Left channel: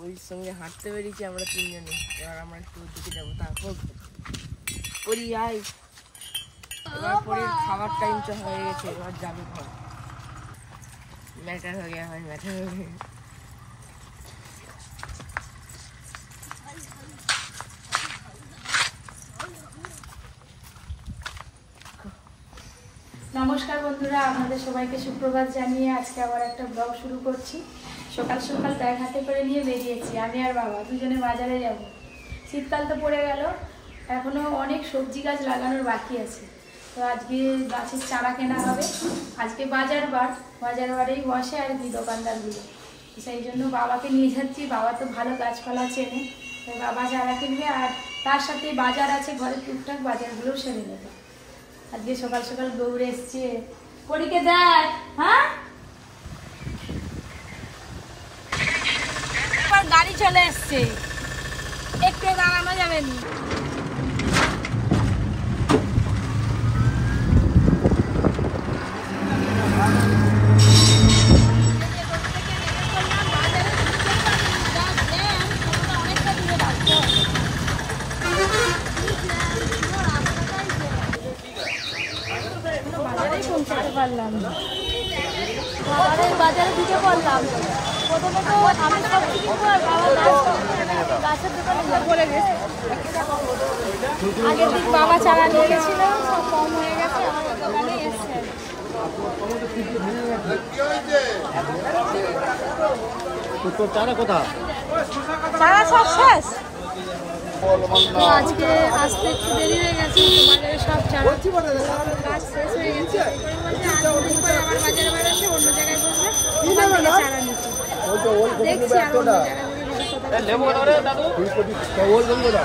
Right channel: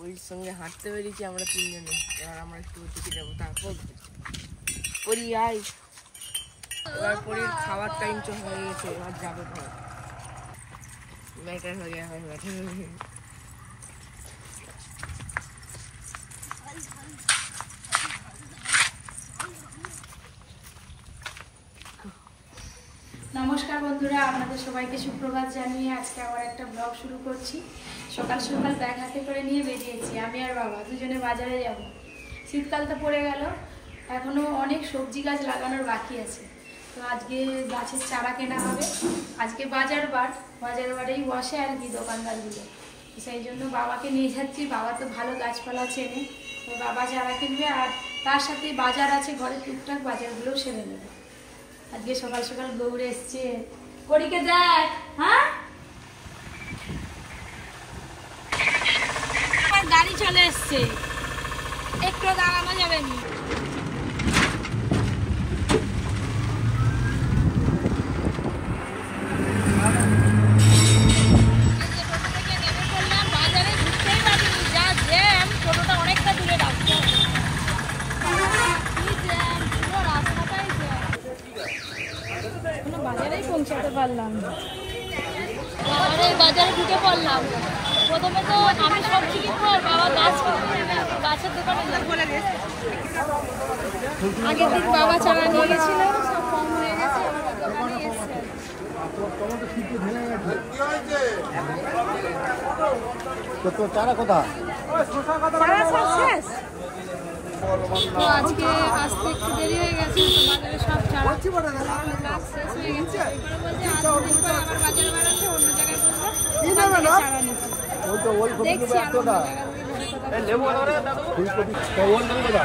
ওর সঙ্গে হাঁটতে বেরিয়েছি আমরা তিনজনে। এবার আমরা একটু দিকে যাবো, তারপর পরি আয়। এবার পরে খাবার টাইম তো হয়ে গেছে, এবার যাবে ঘর। ম্যাটার হয়ে গেছে, ম্যাটার হয়ে গেছে। নমস্কার বন্ধুরা, আপনাদের সবাইকে সুপ্রভাত জানিয়ে আজকে আবার একটা ব্লগ শুরু করছি। সকাল সকাল ব্যাগ হাতে করে নিয়ে বেরিয়েছি আমি আর বাবা, দুজনে বাজারে যাব। শীতকাল তো পড়ে গেল, এখনো অনেক সবজি গাছ লাগানোর বাকি আছে। তো আজকে গাছের চারা কেনা হবে। আজকে বাজার বারেই বসে আর কি দোকানদারগুলো। সেই জন্য বাবাকে নিয়ে যাচ্ছি। বাবা তো ভালো গাছপালা চেনে, তো বাবা চারা কিনবে আর তার সাথে বাজার আছে, ঘরে টুকটাক বাজারগুলোও সেরে নেবে। আজকে সকাল সকাল দৌড়ে এসছে। পরীকে দেখ, হ্যাঁ গাড়ি চলে এসছে, একটু দাঁড়ানো যাবে না। বাজারে ঢুকতেই পারিনি, যা জ্যাম, টোটোটা অনেকটা দূরে রাখতে হবে। বাজারেই পৌঁছাতে পারলাম না। বাজারে ঢুকে পড়লাম। প্রথমে তো আমি সবজি কিনবো আর বাবা গাছের দোকানে যাবো। আগের দিন বাবা চারা নিয়ে গেছিল, সব কম হয়ে গেছে। তোর চারা কোথা? চারা সব শেষ। তো আজকে আসতে একটু দেরি হয়ে গেছে, তো বাজারে সব চারা গাছ শেষ হয়ে গেছে। আবার বাজারে বাড়াচ্ছে, অন্য জায়গায় বসলে ওখান থেকে চারা নিচ্ছে। দেখছি আর অন্য জায়গা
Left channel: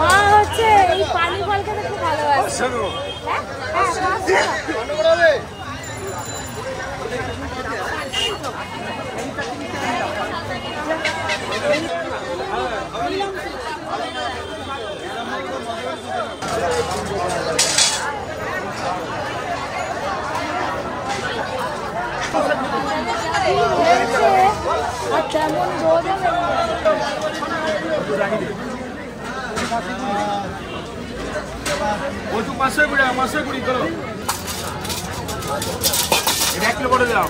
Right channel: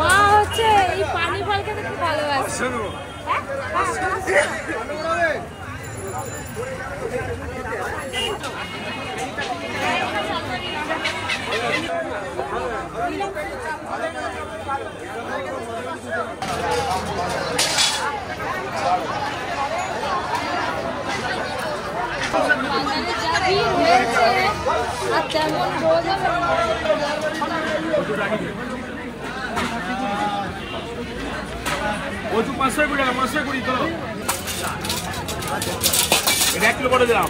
মা হচ্ছে এই পানি ফল খেতে খুব ভালোবাসে। বাজারে যা ভিড় হয়েছে আর তেমন রোদ হবে না। ওটু 500 কুড়ি তো এটা 1 কিলো করে দিলাম।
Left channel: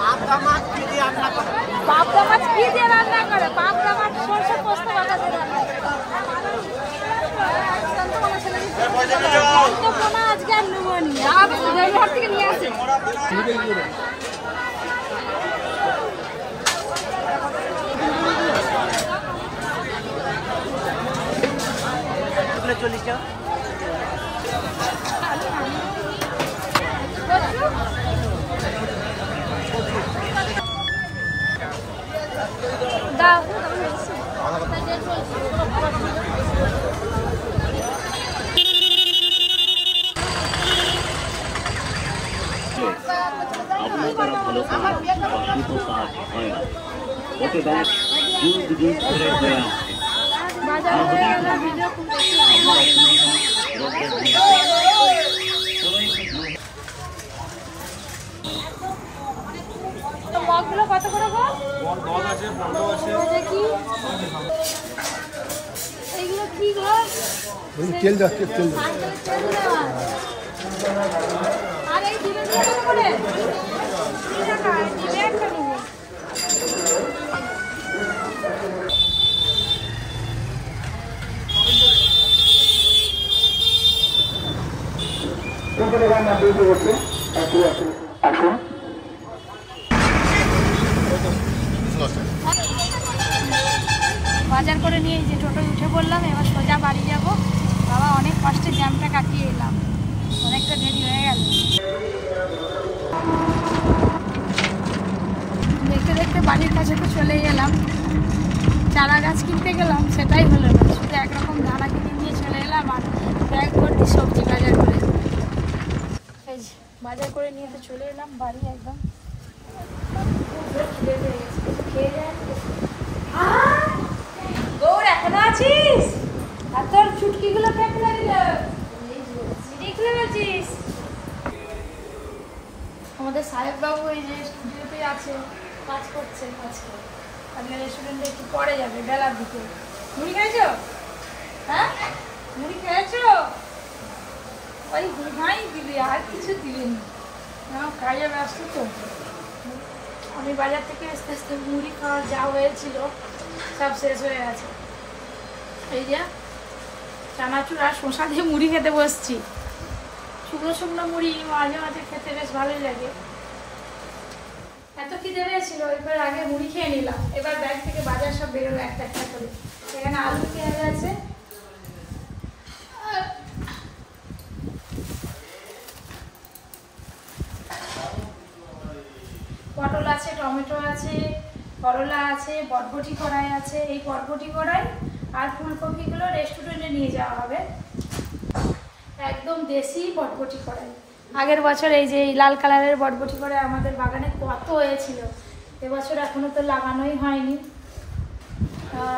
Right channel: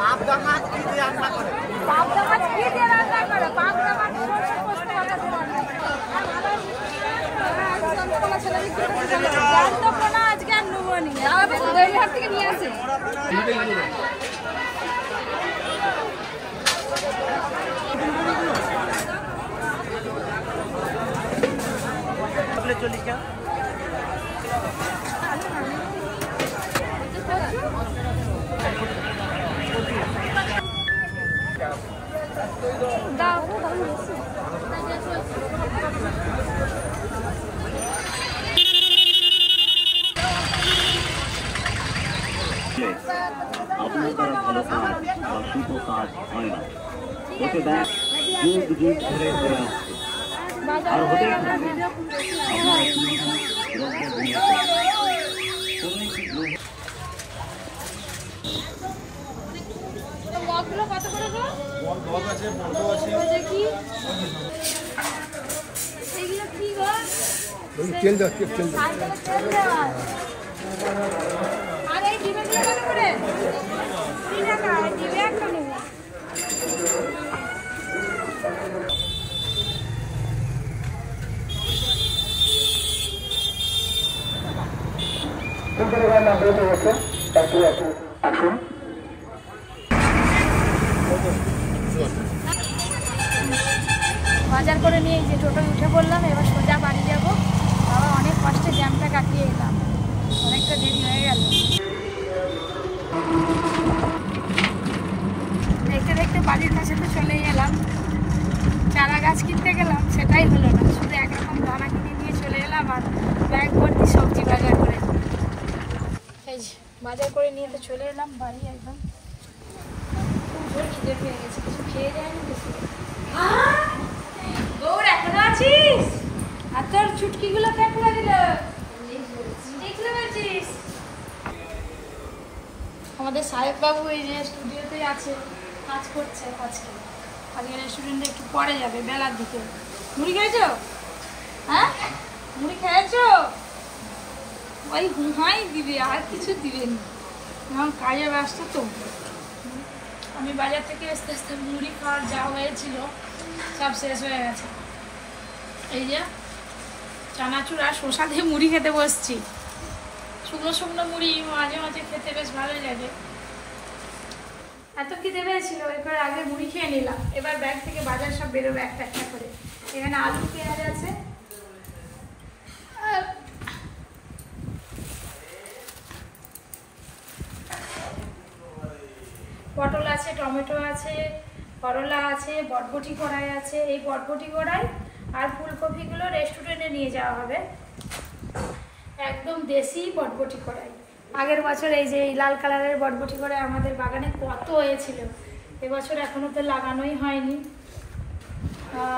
পাবদা মাছ কি দিয়ে রান্না করে? পাবদা মাছ কি দিয়ে রান্না করে? পাবদা মাছ সরষে পোস্ত বাটা দিয়ে রান্না করে। আজকে আর নেবো নি, হাট থেকে নিয়ে আসে। চল্লিশ টাকা আপনার দ্বারা ভালো কাজ বা শুভ কাজ হয় না, হতে দেখ যুগ যুগ ধরে হয়ে আসছে আর হতেই থাকবে। মগগুলো কত করে গো? মগ আছে, বড় আছে। এটা কি? এগুলো কি গো? তেল দাও, তেল দাও। আর এই দিনে দিনে করে 3 টাকা দিবে একটা নেবে। বাজার করে নিয়ে যে টোটোয় উঠে পড়লাম, এবার সোজা বাড়ি যাব। বাবা অনেক চারা গাছ কিনতে গেলাম, সেটাই হলো না, শুধু একরকম দানা কিনে নিয়ে চলে এলাম আর ব্যাগ ভর্তি সবজি বাজার করে। এই যে বাজার করে নিয়ে তো চলে এলাম বাড়ি। একদম খুব জোর খিদে পেয়ে গেছে, কিছু খেয়ে যায়নি তো। দৌড় এখনো আছিস? আর তোর চুটকিগুলো প্যাক করে দিল, দেখতে পেয়েছিস? আমাদের সাহেব বাবু এই যে স্টুডিওতে আছে, কাজ করছে। আজকে রেস্টুরেন্টে একটু পরে যাবে বেলার দিকে। মুড়ি খেয়েছো? হ্যাঁ মুড়ি খেয়েছো? ওই ঘুমাই দিবে, আর কিছু দিবে না, এখন কাজে ব্যস্ত তো। আমি বাজার থেকে আস্তে আস্তে মুড়ি খাওয়ার যা হয়েছিল সব শেষ হয়ে গেছে। এই যে চানাচুর আর শসা দিয়ে মুড়ি খেতে বসছি। শুকনো শুকনো মুড়ি মাঝে মাঝে খেতে বেশ ভালোই লাগে। এত খিদে পেয়েছিল, এবার আগে মুড়ি খেয়ে নিলাম, এবার ব্যাগ থেকে বাজার সব বেরোবে একটা একটা করে। এখানে আলু পেঁয়াজ আছে, পটল আছে, টমেটো আছে, করলা আছে, বরবটি কড়াই আছে। এই বরবটি কড়াই আর ফুলকপিগুলো রেস্টুরেন্টে নিয়ে যাওয়া হবে। একদম দেশি বরবটি কড়াই। আগের বছর এই যে এই লাল কালারের বরবটি কড়াই আমাদের বাগানে কত হয়েছিল, এবছর এখনো তো লাগানোই হয়নি।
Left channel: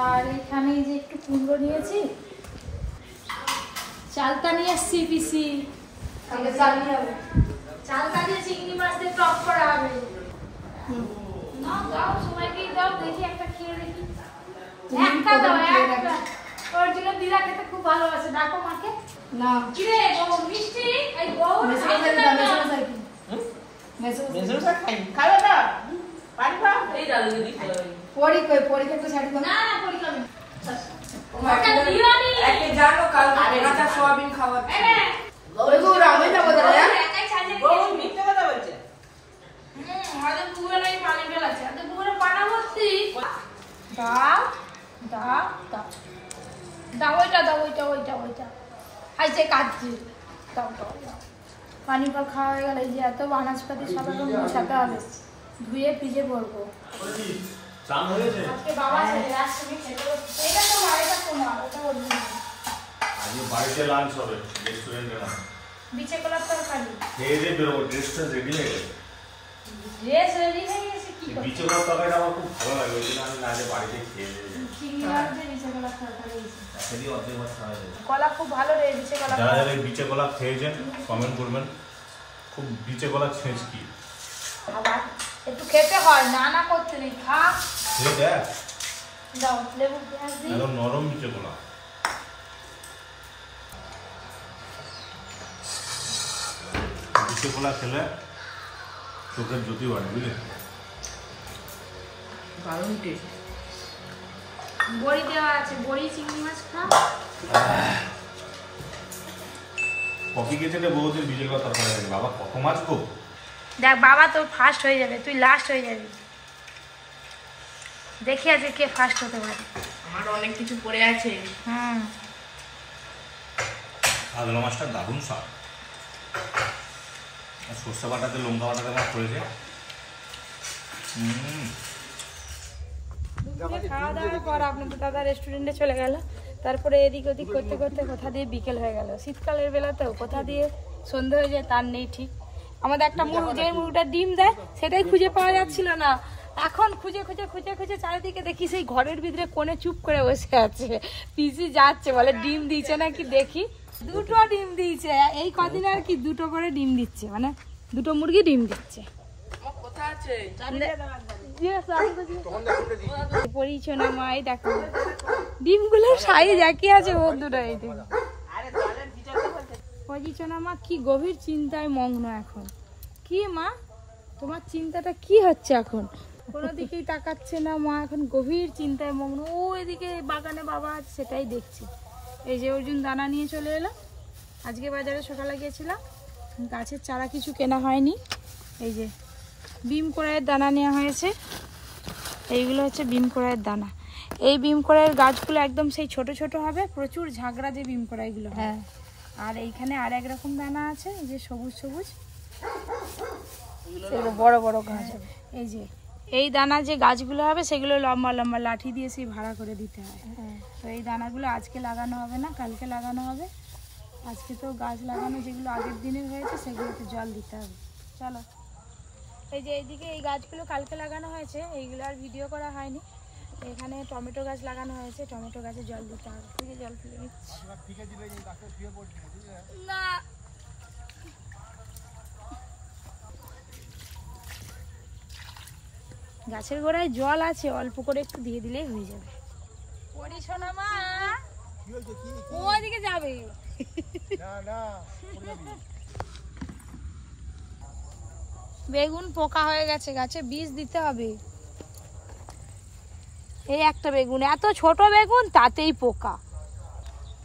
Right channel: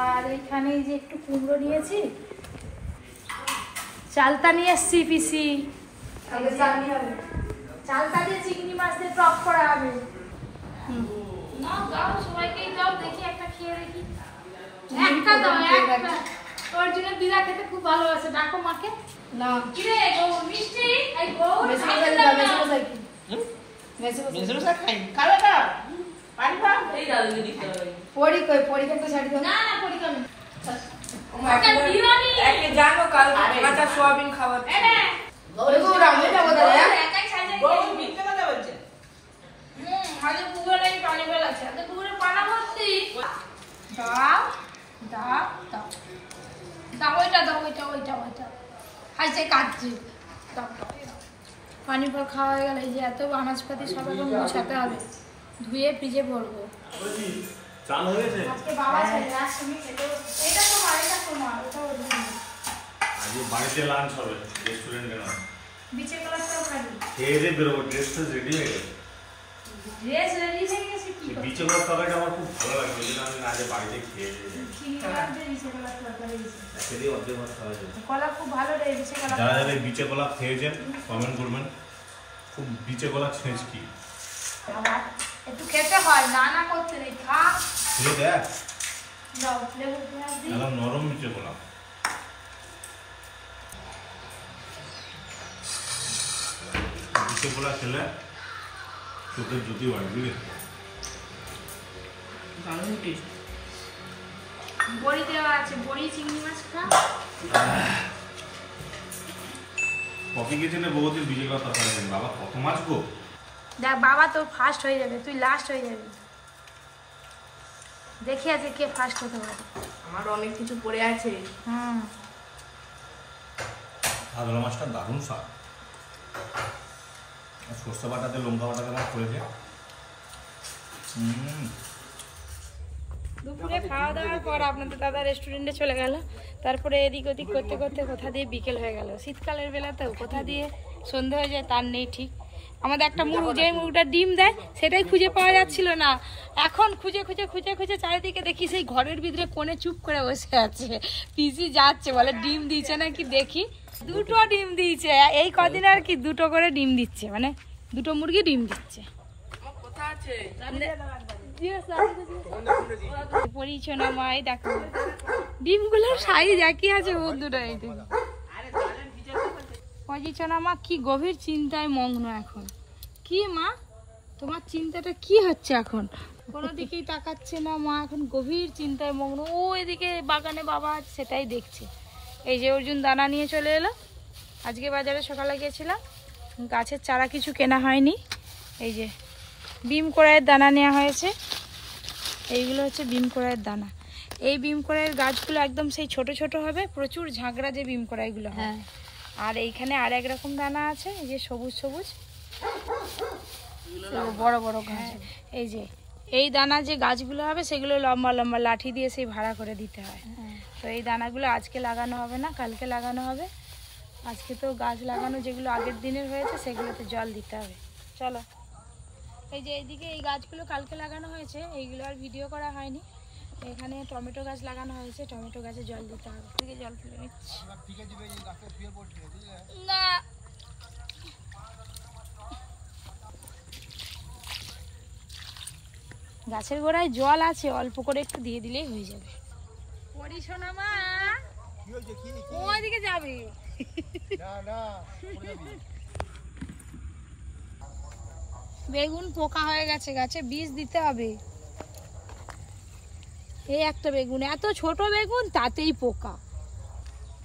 আর এখানে এই যে একটু কুমড়ো নিয়েছি, চালতা নিয়ে এসছি পিসি, চালতা দিয়ে চিংড়ি মাছ দিয়ে টক করা হবে। না দাও, সবাইকেই দাও, দেখি একটা খেয়ে দেখি। একটা দাও, একটা। ওর জন্য দিদা খেতে খুব ভালোবাসে, ডাকো মাকে। না কিরে বউ মিষ্টি, এই বউ মেসোমশাই খাই খাবে না, পানি পা এই দাদু দিদি পড়ি কই, পড়িকে তো ছাড়ি দাও। না না পড়ি খাবে। একে জানো কাল কাঁচা সোয়াবিন খাবার। বউ রামে না বলে রে, একাই ছাড়ে। বউ মিথ্যে কথা বলছে। আরে পুরো নাকি পানি ফেলাছে, এত পুরো পানা ভর্তি। দাও দাও দাও দাও, ওইটা দাও, ওইটা খাইছে কাটছি। পানি ফল খাওয়া হয়ে গেল। এই যে এত আনাজপাতি সব রকম গুছাতে হবে, ধুয়ে ফ্রিজে ভরবো। আজকে বাবা ছেলে আসছে, এটা তোমার, এটা তোমার, ওটা ওর জন্য। আজকে বাড়িতে লাঞ্চ হবে, রেস্টুরেন্টে না। বিচে কলার তরকারি খেয়ে দিয়ে বেরোবো, ড্রেসটা রেডি হয়ে গেছে। ড্রেস রেডি হয়ে গেছে, কি করব? বিচে কলার তরকারিটা আমার খুব ভালো লাগে, ওই জন্য আমি না যে বাড়িতে খেয়ে যাই। চিংড়ি মাছ দিয়ে বিচে কলার তরকারি হয়েছে। একটা দিয়ে অর্ধেক ভাত খাওয়া যায়। কলা খুব ভালো রে, বিচে কলা। যারা যারা এই বিচে কলা খেয়েছেন কমেন্ট করবেন, খুব বিচে কলা ছেঁচ কি একটু খেতে হয়, না না করতে নেই, খা। খেয়ে দেখ, দাও লেবু পেঁয়াজ দিই। একদম নরম বিচে কলা। বিচে কলা খেলে চোখের জ্যোতি হয়, বুঝলে? দারুণ টেস্ট। বড়ি দেওয়া আছে, বড়ি চিংড়ি মাছ খা। কফি খেয়েছে বহুত বিচে কলা তরকারি হবে। বাবা কত মাছ গো। দেখ বাবা তো ফার্স্ট হয়ে যাবে, তুই লাস্ট হয়ে যাবি। দেখি আজকে কে ফার্স্ট হতে পারে। আমার অনেক কিছু পড়ে আছে। হুম, কাতলা মাছটা দারুণ স্বাদ। আর সর্ষে বাটাতে লঙ্কা বাটাতে আমার পড়েছে। দুপুরে খাওয়া দাওয়ার পর আপনাদের দাদা রেস্টুরেন্টে চলে গেল। তারপরে এদিক ওদিক করতে করতে কোথা দিয়ে বিকেল হয়ে গেল। শীতকালের বেলাতেও কোথা দিয়ে সন্ধে হয়ে যায় তার নেই ঠিক। আমাদের একটা মুরগ, যে মুরগটা ডিম দেয় সেটাই খুঁজে পাওয়া যাচ্ছিল না। এখন খুঁজে খুঁজে খুঁজে খুঁজে চারিদিকে দেখি সেই ঘরের ভিতরে কোণে চুপ করে বসে আছে। পিসি যাচ্ছে, বলে ডিম দিয়েছে নাকি দেখি। দুটো ডিম দিয়েছে এই কদিন, আর কি দুটো করে ডিম দিচ্ছে, মানে দুটো মুরগি ডিম দিচ্ছে। কোথা আছে? পরিচয় না মাই দেখো ডিমগুলো সাইজ একই আছে বন্ধুরা। এইদিকে পরিচনা মা কি গভীর চিন্তায় মগ্ন এখন। কি মা তোমার চিন্তাটা কি হচ্ছে এখন? কোনো দিকেই তাকাচ্ছে না মা, এখন গভীর চিন্তায় মগ্ন। ও এদিকে বাগানে বাবা আছে সেটাই দেখছি। এই যে অর্জুন দানা নিয়ে চলে এলো। আজকে বাজারে সকালে গিয়েছিলাম, গাছের চারা কিছু কেনা হয়নি। এই যে বিম কড়াইয়ের দানা নেওয়া হয়েছে। এইগুলো হচ্ছে বিম কড়াইয়ের দানা। এই বিম কড়াইয়ের গাছগুলো একদম সেই ছোট ছোট হবে, প্রচুর ঝাঁকড়া যে বিম কড়াইগুলো হয়। আর এইখানে আর এক রকম দানা আছে, এই যে সবুজ সবুজ বড় বড় গাছ। এই যে এই দানা যে গাছগুলো হবে সেগুলো লম্বা লম্বা লাঠি দিয়ে সেই ভাড়া করে দিতে হয়। তো এই দানাগুলো আজকে লাগানো হবে না, কালকে লাগানো হবে। আজকে তো গাছ লাগানো যেগুলো আগের দিনের হয়েছে সেগুলোতে জল দিতে হবে। চলো, এই যে এইদিকে এই গাছগুলো কালকে লাগানো হয়েছে, এইগুলো আর ভিডিও করা হয়নি। এখানে টমেটো গাছ লাগানো হয়েছে, টমেটো গাছে জল দিতে হবে। থেকে জল ফেলে নিচ্ছি না। গাছের গোড়ায় জল আছে, অল্প করে একটু দিয়ে দিলেই হয়ে যাবে। পরি সোনা মা ওইদিকে যাবে বেগুন পোকা হয়ে গেছে, গাছে বীজ দিতে হবে। এই একটা বেগুন, এত ছোট বেগুন তাতেই পোকা।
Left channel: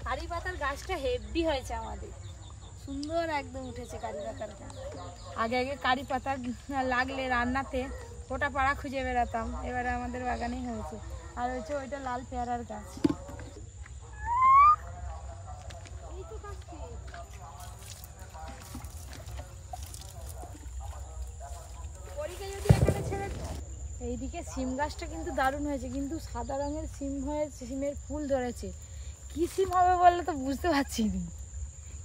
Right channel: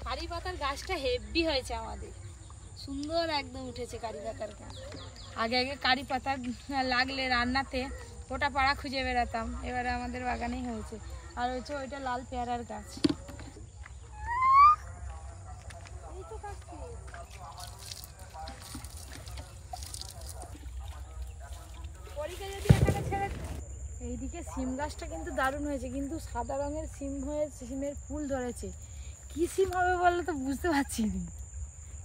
কারি পাতার গাছটা হেভি হয়েছে আমাদের, সুন্দর একদম উঠেছে কারি পাতার গাছ। আগে আগে কারি পাতা লাগলে রান্নাতে ওটা পাড়া খুঁজে বেড়াতাম, এবারে আমাদের বাগানেই হয়েছে। আর হচ্ছে ওইটা লাল পেয়ারার গাছ। এইদিকে সিম গাছটা কিন্তু দারুণ হয়েছে, কিন্তু সাদা রঙের সিম হয়েছে, সিমের ফুল ধরেছে। কি সিম হবে বললে তো বুঝতে পারছি না,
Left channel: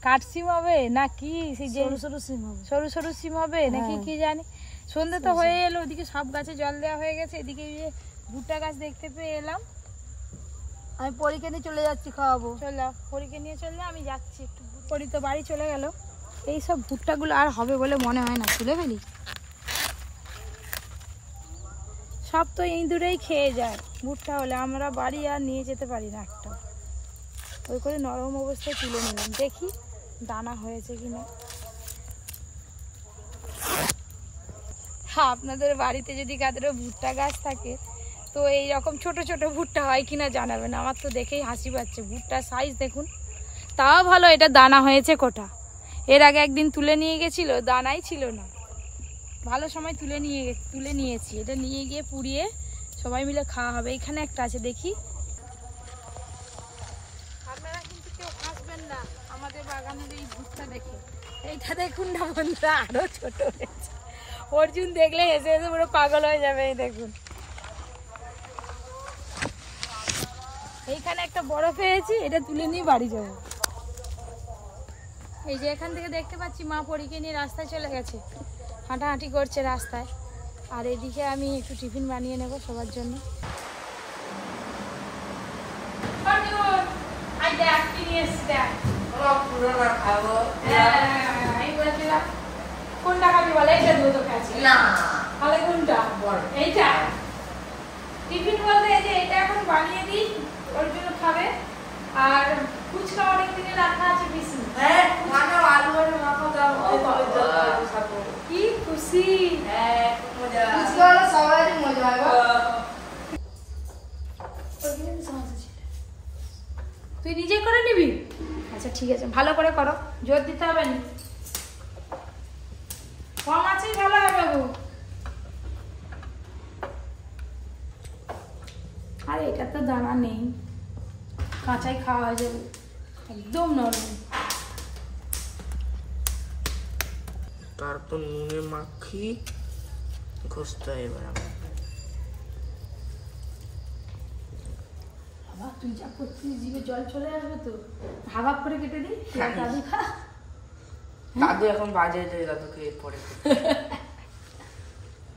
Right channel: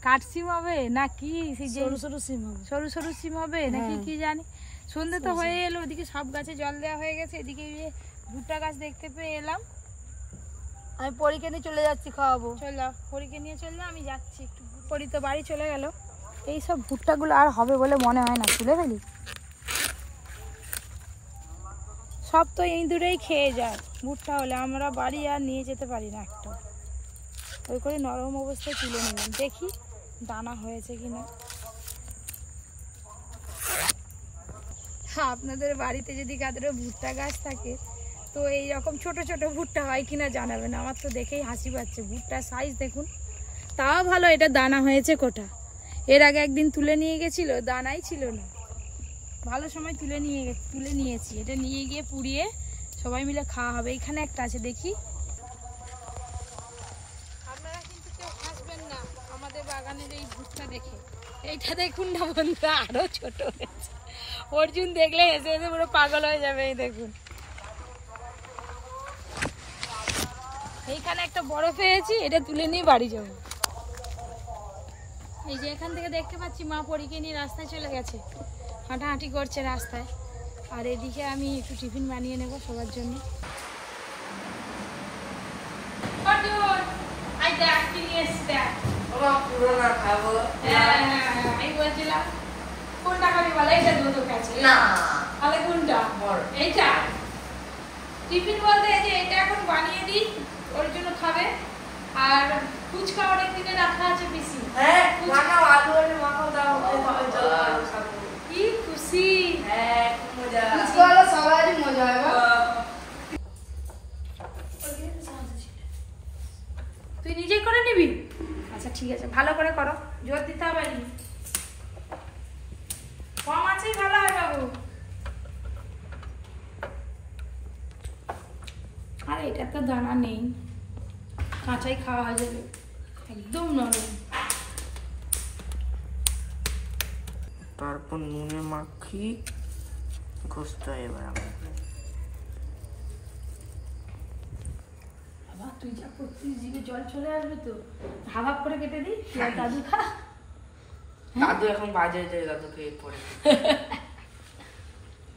কাঠ সিম হবে না কি সেই সরু সরু সিম হবে, সরু সরু সিম হবে নাকি কি জানি। সন্ধ্যে তো হয়ে গেল, ওদিকে সব গাছে জল দেওয়া হয়ে গেছে। এদিকে ভুট্টা গাছ দেখতে পেয়ে এলাম। আমি পরীকে নিয়ে চলে যাচ্ছি, খাওয়াবো। চলো, পরীকে নিয়ে চললে আমি যাচ্ছি একটু। পরী তো বাড়ি চলে গেল। এইসব ভুট্টাগুলো আর হবে বলে মনে হয় না, তুলে ফেলি। সব তো ইঁদুরেই খেয়ে যায় ভুট্টা হলে, আমরা বাড়ি আর নিয়ে যেতে পারি না একটা। ওই করে নরম অবস্থায় তুলে নিলাম, দেখি দানা হয়েছে কিনা। আপনাদের বাড়িতে যদি কাদেরও ভুট্টা গাছ থাকে তো এই রকম ছোট ছোট ভুট্টা হয় কিনা জানাবেন। আমার তো দেখেই হাসি পাচ্ছে, ভুট্টার সাইজ দেখুন। তাও ভালো এটা দানা হয়েছে কোটা। এর আগে একদিন তুলে নিয়ে গেছিল, দানাই ছিল না। ভালো সময় তুলে নিয়েছি। এটা নিয়ে গিয়ে পুড়িয়ে সবাই মিলে খাওয়া হবে। এখানে একটা আছে, দেখি। আপনারা কিন্তু কেউ হাসবেন না আমাদের বাগানের এই ভুট্টা দেখে। এইটা দেখুন না বন্ধুরা, আরো ছোট হয়েছে। অর্জুন দেখলে হেসে হেসে পুরো পাগল হয়ে যাবে। এই দেখুন, এইখানে একটা বড় পেয়েছি, এটা তুলে নিয়ে বাড়ি যাব। এই যে এখান থেকে দেখতে পাচ্ছি মা পরীকে নিয়ে রাস্তায় চলে গেছে, হাঁটাহাঁটি করছে রাস্তায়। আর এদিকে আমি একটু টিফিন বানিয়ে নেব সবার জন্য। আমি বলছিলাম কোনটা খাবি বলে, এইটা দুধ খাচ্ছি না, তাহলে কোনটা? এইটা টিফিন বলতে এই যে এটা এখন বানিয়ে দিই, ওর জন্য খাবে। আর ফুচকা অনেক দিনে রাখা আছে বেশি। হ্যাঁ, মাখাও, আলু আর মাখাও দাও। কি খুশি! হ্যাঁ, মজা। ফুচকা হলো সবারই মজা হয়। তুই নিজে করে নিবি? আচ্ছা ঠিক আছে, ভালো করে করো, জোর দিতে হবে না। কম আছেই ভালো হবে গো। আর এটা তো দানা নেই, কাঁচাই খাওয়া হয়ে যাবে, একদম নরম। তারপর নুনে মাখি ঘষতে হয়। এবার বাবা তুই যা করছিস, জিভে জল চলে আসবে তো। ভাবাব করে কেটে দিই, দাদু খা। দাদু এখন বাজে হয়েছে, দাদুকে পরে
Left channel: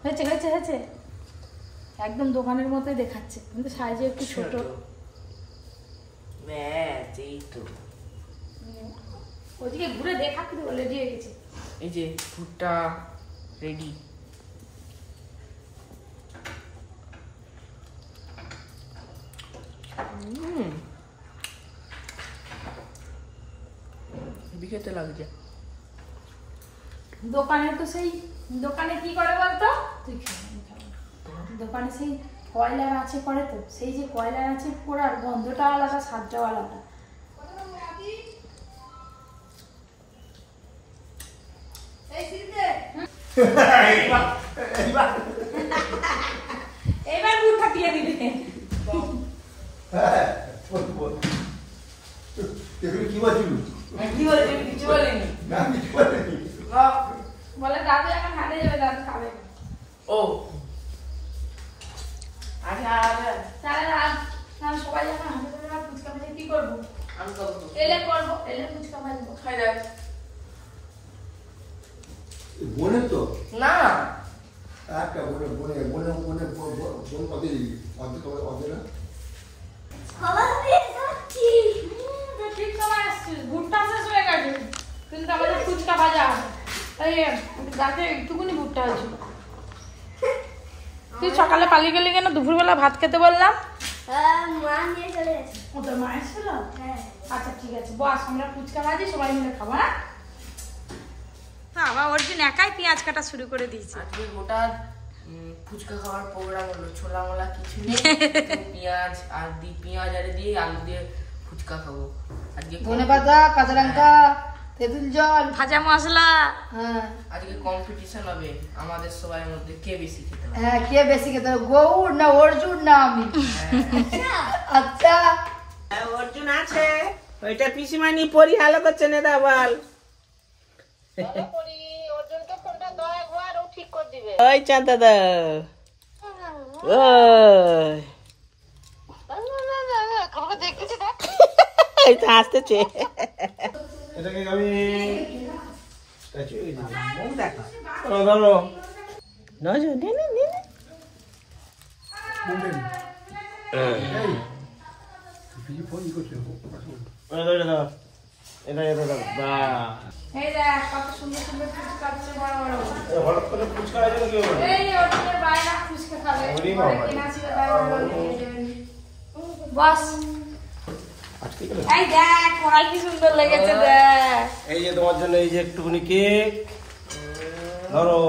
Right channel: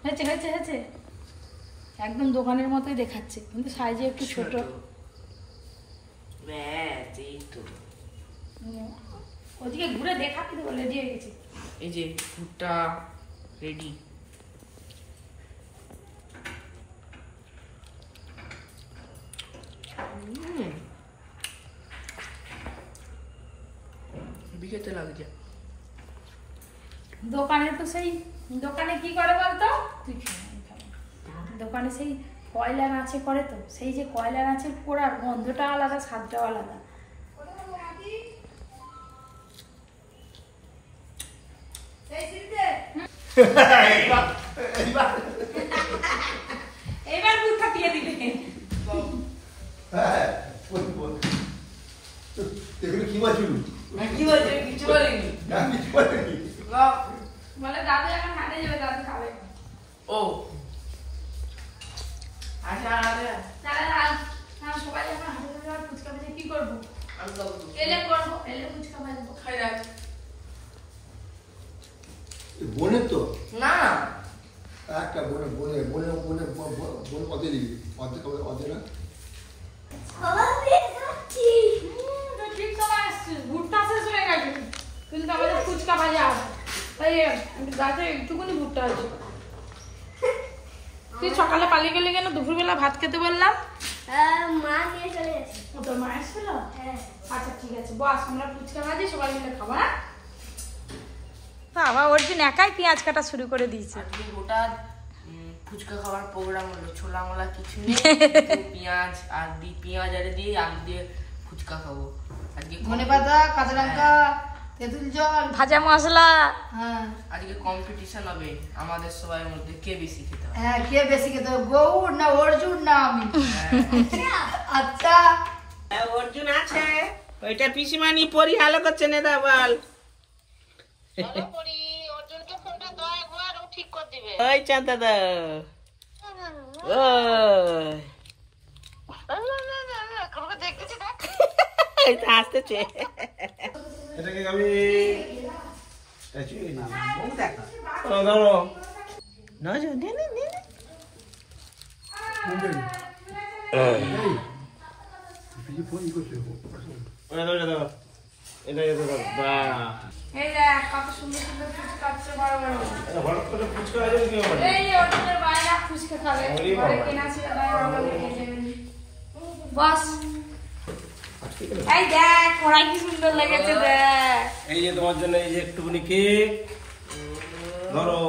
হয়েছে হয়েছে হয়েছে, একদম দোকানের মতোই দেখাচ্ছে, কিন্তু সাইজে একটু ছোট। ব্যাস, এই তো। ওদিকে ঘুরে দেখা কিন্তু রেডি হয়ে গেছে। এই যে ভুট্টা রেডি। খেতে লাগছে। দোকানে তো সেই দোকানে কি করে বলতো, তুই দোকানে সেই কয়লা মাছে করে, তো সেই যে কয়লা মাছের পোড়ার গন্ধটা আলাদা, স্বাদটাও আলাদা। এইবার ভুট্টা দিয়ে দিবে। কি বলছি? কিছু বলেনি। বলে দাদু এখন হাটে যাবে, দাদু খাবে। ও তাহলে আর সবাই যখন হাতে ধরে ফুচকা ভাজা কি করবো? আমি খাবো। এলে করবো, এলে ফুচকা ভাজবো। খাই দেখ। বোনের তো না একটা বোন কত দিবি অর্ধেক না ঠিক সময় আসছিস, ভুট্টা শেষ হয়ে গেছে কিন্তু আমাদের ফুচকা ভাজা তাই গাছে একটুকুনি ভুট্টা হয়েছিল। তুই সকালে পালিয়ে গেলি কেন? দুপুরবেলা ভাত খেতে বললাম। মা নিয়ে চলে গেছে। ও তোর মা এসেছিল? হ্যাঁ। আচ্ছা ঠিক আছে বস, আমরা ফুচকা ভাজি সবাই মিলে খাবো। হ্যাঁ বাবা অর্জুন একাই পেঁয়াজ কাটা শুরু করে দিয়েছে। আজকে গোটা ফুচকা খাওয়ার প্রোগ্রাম হলো, ছোলা মোলা কিছু নেই, পেঁয়াজ আর পেঁয়াজ আর দিয়ে আলু দিয়ে ফুচকা খাবো আজকে। ধনেপাতা, কাঁচা লঙ্কা, তেঁতুল জল, ভাজা মশলা। হ্যাঁ আজকে কম্পিটিশন হবে আমাদের সবার মধ্যে কে বেশি খেতে পারে। হ্যাঁ কে বেশি খেতে হবে, গৌর না অর্জুন না আমি? আচ্ছা অর্জুন আছে, ওইটা পিসিমানি পরি ভালো করছে না বল। ওই চাঁদ দাদা আসতেছে। এটাকে আমি ধরো ফোন করছে এই দেখ কত সুন্দর সুন্দর ফুচকা আছে, বড় বড়। হঠাৎ করে ফুচকা আছে নাকি? এই অর্জুনের বায়না ফুচকা খাবে। ঘরে কেনা ছিল তাই ভালো লেগেছে। বস এই দেখ কড়াই কি সুন্দর লেগেছে দেখ। এই যে তোমার জন্য এই যে একটুখানি কেক ধরো।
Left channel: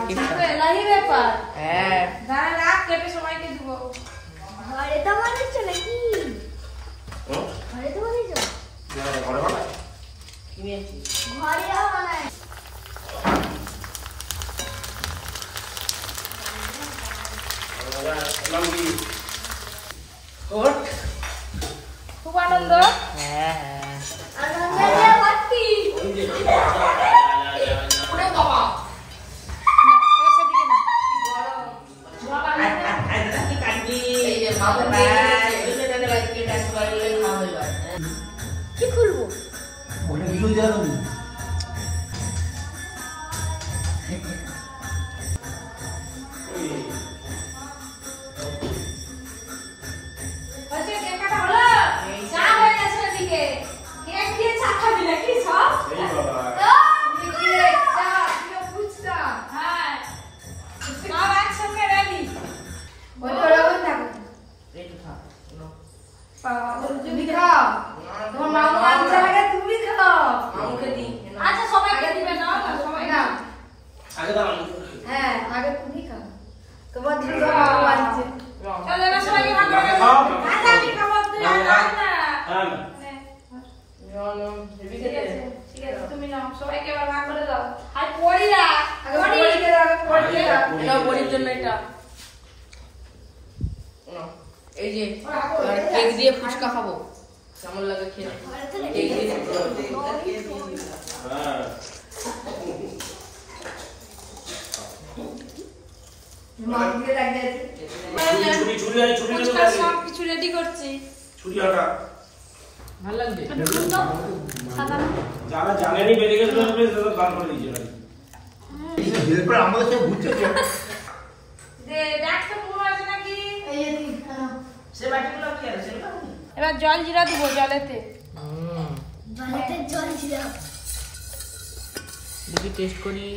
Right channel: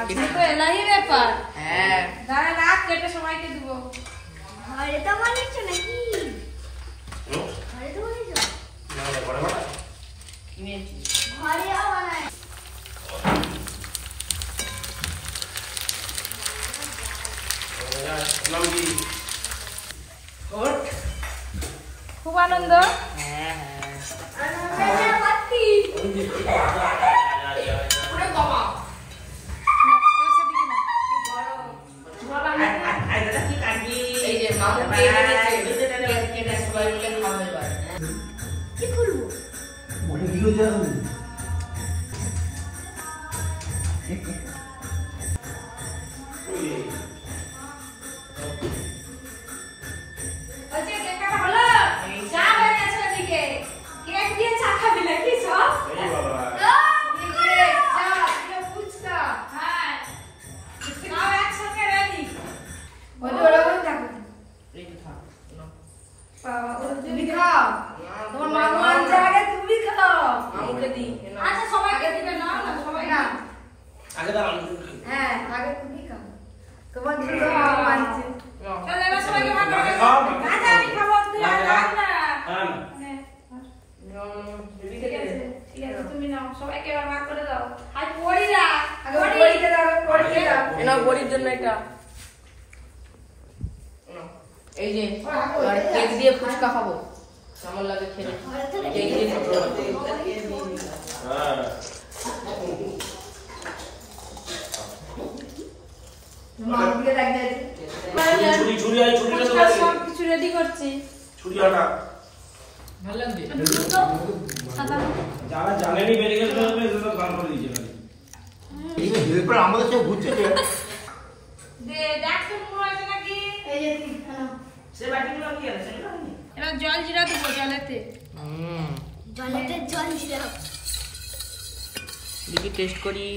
আজকে তো এলাহি ব্যাপার। হ্যাঁ দাঁড়া রাখ, কেটে সবাইকে দেবো। ঘরে তো বানিয়েছো নাকি? ঘরে তো বানিয়েছো? কিনেছি। ঘরে বানায়। খুব আনন্দ। হ্যাঁ হ্যাঁ আনন্দের বাতি। ওরে বাবা এই যে মামু কেটে সবাই মিলে খাবে ভাই। কি খুলবো? ওটা ভিডিও দেওয়া নেই। বলছে কেক কাটা হলো? চা হয়ে গেছে ওদিকে। কেক দিয়ে চা খাবি নাকি সব? এই বাবা কেক, চা, ফুচকা। হ্যাঁ সব একসঙ্গে রেডি। ওই করে ওই থাকো। একটু খা নাও। তুমি খাও, তোমার মামু আনছে আগে তুমি খাও। মামুকে দি নাও। আচ্ছা সবাইকে দিবে না, সবাই না। আগে দাঁড়ান। হ্যাঁ আগে তুমি খাও, তোমার জন্য মামু আনছে। নাও। চলো এবার সবাইকে ভাগ করে আগে দাও। খাও। আচ্ছা আমি খাবো, তুই আর খাস না। হ্যাঁ মানে, নাও, নাও, হেবি ঠিক খেতে। আছে, ঠিক আছে, তুমি নাও, সবাইকে এবার ভাগ করে দাও। আর পড়িরা, আগে পরীকে দাও, আগে পরীকে দাও। এই নাও বড়ির জন্য এটা। নাও। এই যে এবার কেক দিয়ে ফুচকা খাবো, কেমন লাগে খেলে? কেক দিয়ে হ্যাঁ মামুকে ডাকতে ছুরি আই ছুরি ফুচকা সব কিছু রেডি করছি। ছুরি আটা ভালো লাগছে। যারা জানেনি মেডিকেল স্টোরে তারা গান করে দিয়েছে নাকি? হেল্পার আমাদের সব ঘুরছে তো। দেখ তো পুরো আছে নাকি? এই যে ঠিক খাও। সে বাটিগুলো কি আছে? এবার জল জিরা দিব জলেতে। জলেতে জল ছিল। দেখি টেস্ট করি।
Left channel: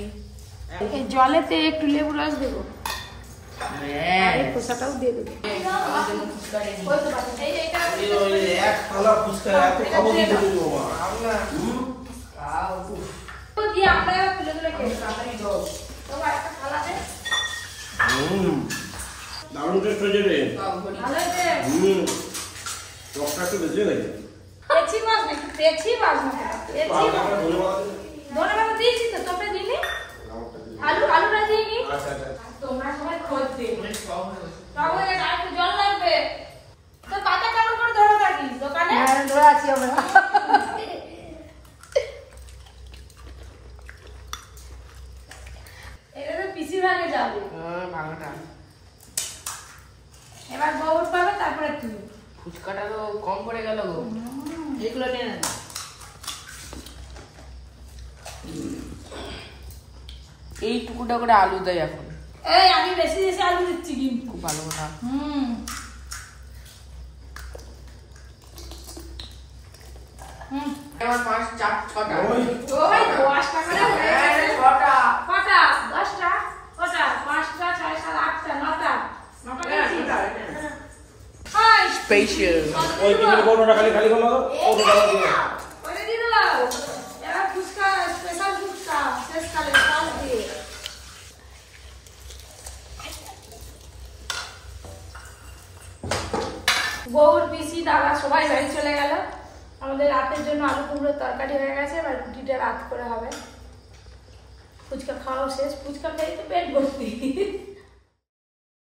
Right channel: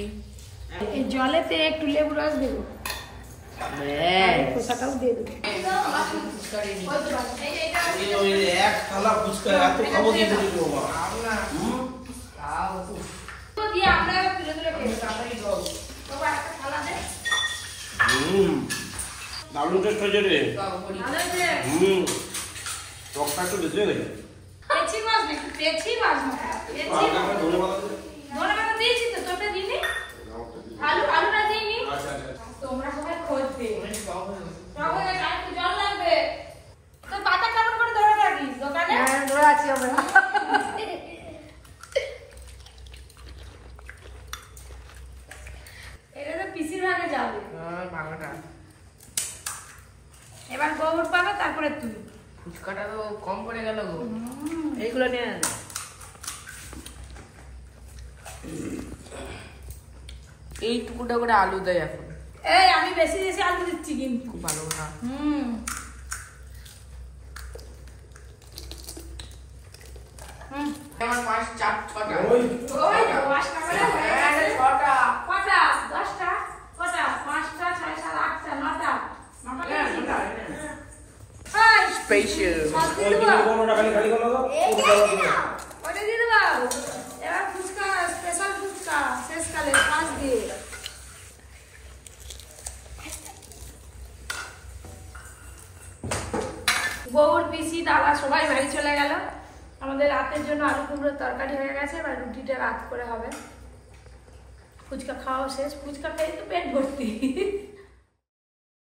এই জলেতে একটু লেবু রস দেবো, হ্যাঁ খোসাটাও দিয়ে দেবো। আমার জন্য ফুচকা রেডি। ওই যে এক থালা ফুচকা এত খাবো কি করে বাবা? খাও না। খাও। তো দিয়ে আমরা এবার তুলে তুলে খেয়ে তাড়াতাড়ি দাও। বাবা একটা থালা দে। দারুণ টেস্ট হয়েছে রে। খাও বড়ি। ভালো আছে? টকটা একটু বেশি হয়ে গেছে। পেছি মাছ নাকি? পেছি মাছ নাকি? পেছি মাছ। ধন্যবাদ দিয়েছি তো, তোমরা দিনি? আলুটা দিইনি? আচ্ছা আচ্ছা তোমরা সবাই খোঁজবে। অনেক টক হয়ে গেছে। বাবু আর একটু জল লাগবে। তোর বাচ্চা কেমন করে ধরে থাকিস দোকানে? হ্যাঁ ধরে আছি আমরা। এটা তো পিসির ভাগে যাবে। ভালোটা। কম পড়ে গেল গো। এইগুলো নিয়ে নেন। এই টুকুটা করে আলু দেয় এখন, এই আমি বেশি বেশি আলু দিচ্ছি কিন্তু। খুব ভালো না। আমার 5 4 6টা। ওই 10টা করে হয়ে গেছে। 6টা। কটা? 10টা? কটা? 5টা, 6, 7, 8টা, 9টা। 9টা গেছি? High special. ওই দিনের বড়টা খালি খালি করলো ওটা দিয়ে দাও। এবার ফুচকা, স্পেশাল ফুচকা শেষকালে সস দিয়ে। গৌর পিসি দাদা সবাই বাড়ি চলে গেল। আমাদের রাতের জন্য আলু কুমড়োর তরকারি হয়ে গেছে, এবার রুটিটা রাত করে হবে। ফুচকা খাওয়া শেষ, ফুচকা খেয়ে তো পেট ভর্তি।